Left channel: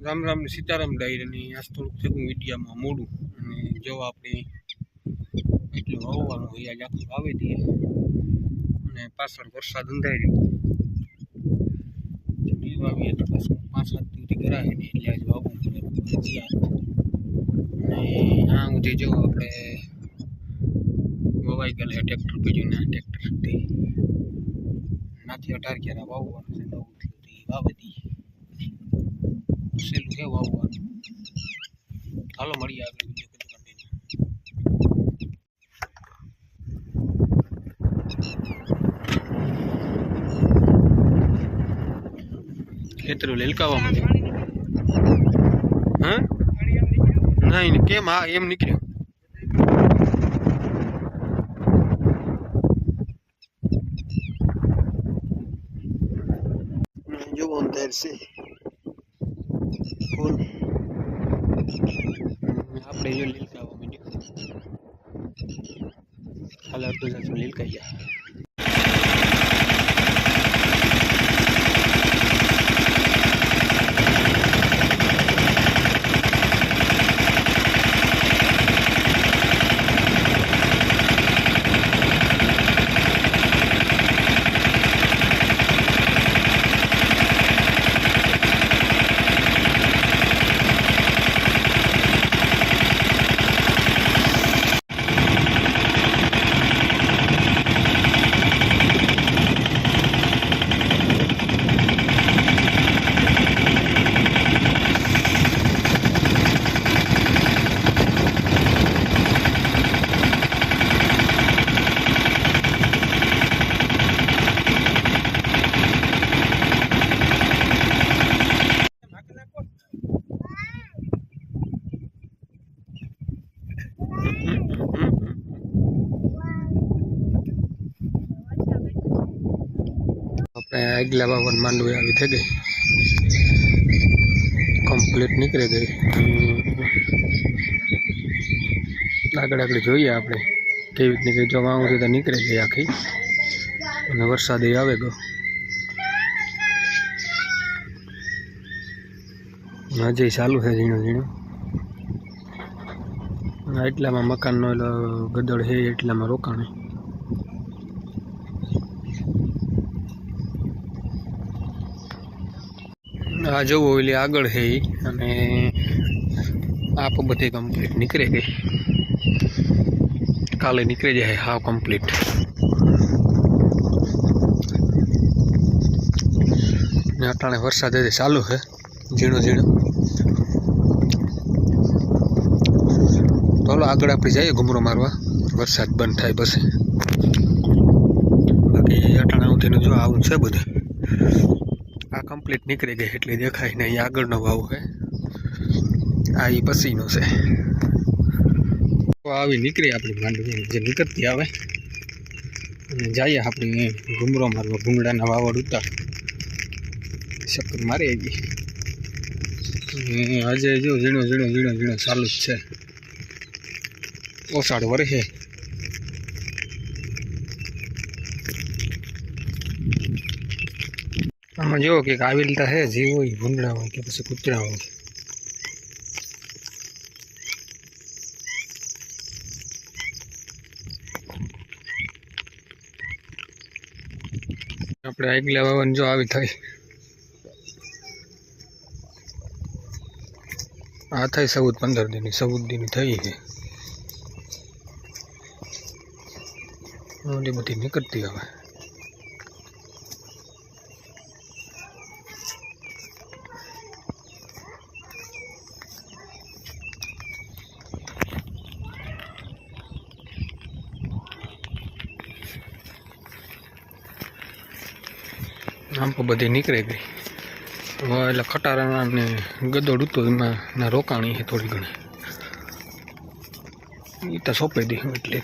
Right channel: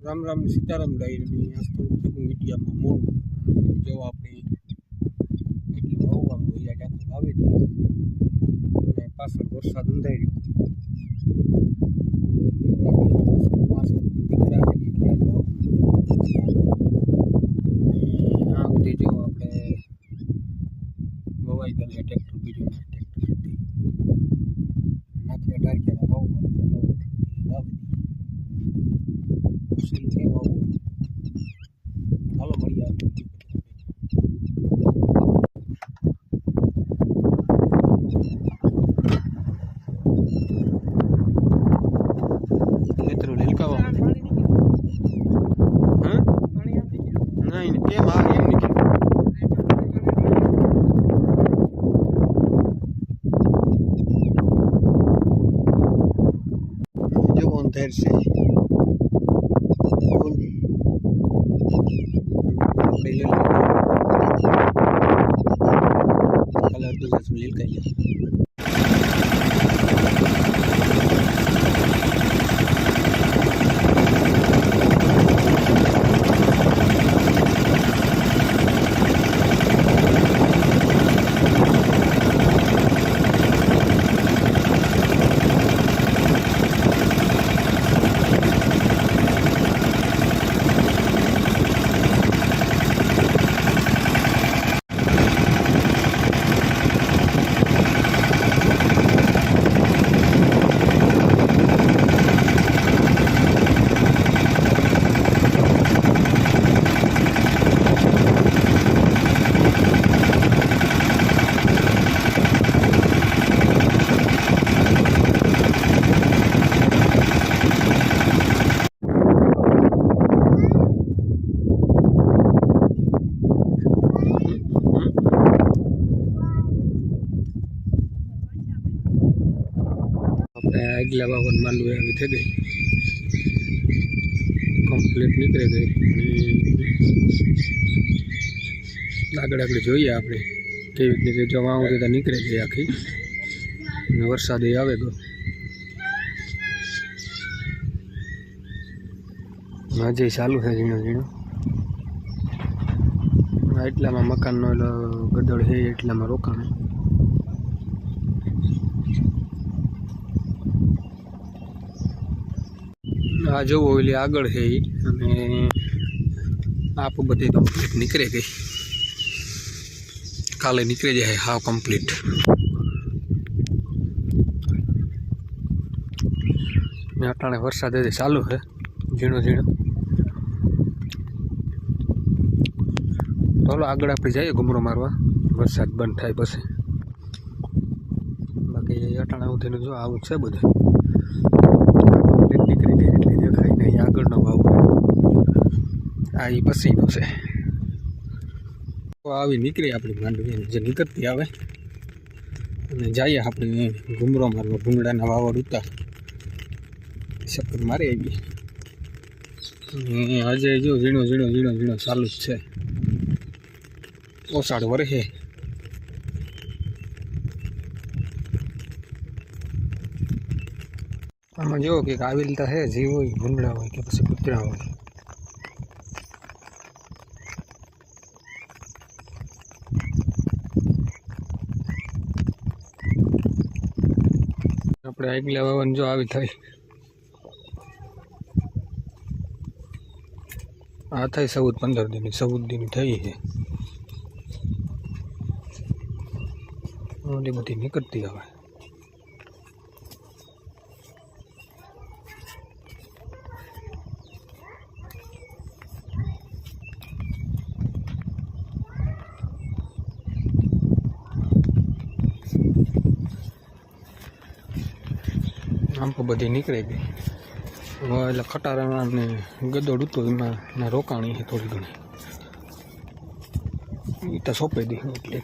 રામ રામ સીતારામ ડાયરીની આજ થોડુંક થયું મીડિયામાં મોડું અને જો આપણે એટલું વાવવાનું હોય આજ આખું વાવી દઈએ અને પાછળ વરસાદ અંધાઈ રહ્યો વાવીએ તો પાંચ સાત સુધી વાવવાનું અને આ સુધી જો આપણે વવાઈ ગયેલા ટ્રેક્ટર બીજું ના ટ્રેક્ટર સુધી. નાથી અઢાર ક્યારે વાવવાનું છે નવ સહેલું છે વાવવાનું હાલો, મળીએ આપણે ખેતરું લેલકાવામાં હા? નહીં કેમ આ એમ નીકળ્યું? જો અંધેર છે બોલ આપણે જો કલર તો જશું આગલા બાવન માંડવી આવી થઈ ગઈ. કમ્પ્લીટ નીકળી ગઈ. આગળ આગળ જોઈએ આપણે કેવી રીતની કે જો વાવું તો નીકળી ગઈ આખી. અને વરસાદ આવે ગયો. હજી ચાલુ છે ઝીણો ઝીણો. એટલામાં મકાનનો ગદળ છે એટલામાં રોકાણ. આ જોવો એટલે આગળ છે એ અને આપ બધી કમ્પ્લીટ નીકળી ગઈ કાલે નીકળી જાય હાવ કમ્પ્લીટ ને અટાણે વરસાદ હજી ચાલુ છે ઝીણો ઝીણો. ચાલો આગળ આપણે જઈએ ઘુમરો મારવા. વરસાદ બંધ થાય પછી. બાકી અટાણા ઉઠીને જો આવું છે બધું. કમ્પ્લીટ નીકળી ગઈ એટલે દેખાય નહીં અહીં આગળનો વાવ હોય આ એ પછીનો છે. આવી નીકળી આપણી માંડવી જે નીકળતી આવે. અને જઈએ આપણે ઘૂમરો મારવા, ભૂંગળાના વાવડ ઉતાર. ચક્કર મારી આવી. આજે જો ઝીણો ઝીણો ઝીણો ઝીણો ચાલુ જ છે. ઓસાડ વરસે. આમાં જુઓ કે આવી રીતે છે, જીવ હોય ભૂંડડા હોય કે પછી કૂતરા હોય. આપણે આગલા વાવન જો આવી થઈ આ થઈ ચૌદ પંદર દિનની ચૌદ દિનની થઈ છે. ઓલી બધી નીકળતી હવે. આમ તો બધી નીકળી ગઈ. હવે એટલે ખટારા ને ગદોડ ઉતો એમાં રોકાણી છે થોડી ઘણી. એ તો સોંપી દીધું એટલે.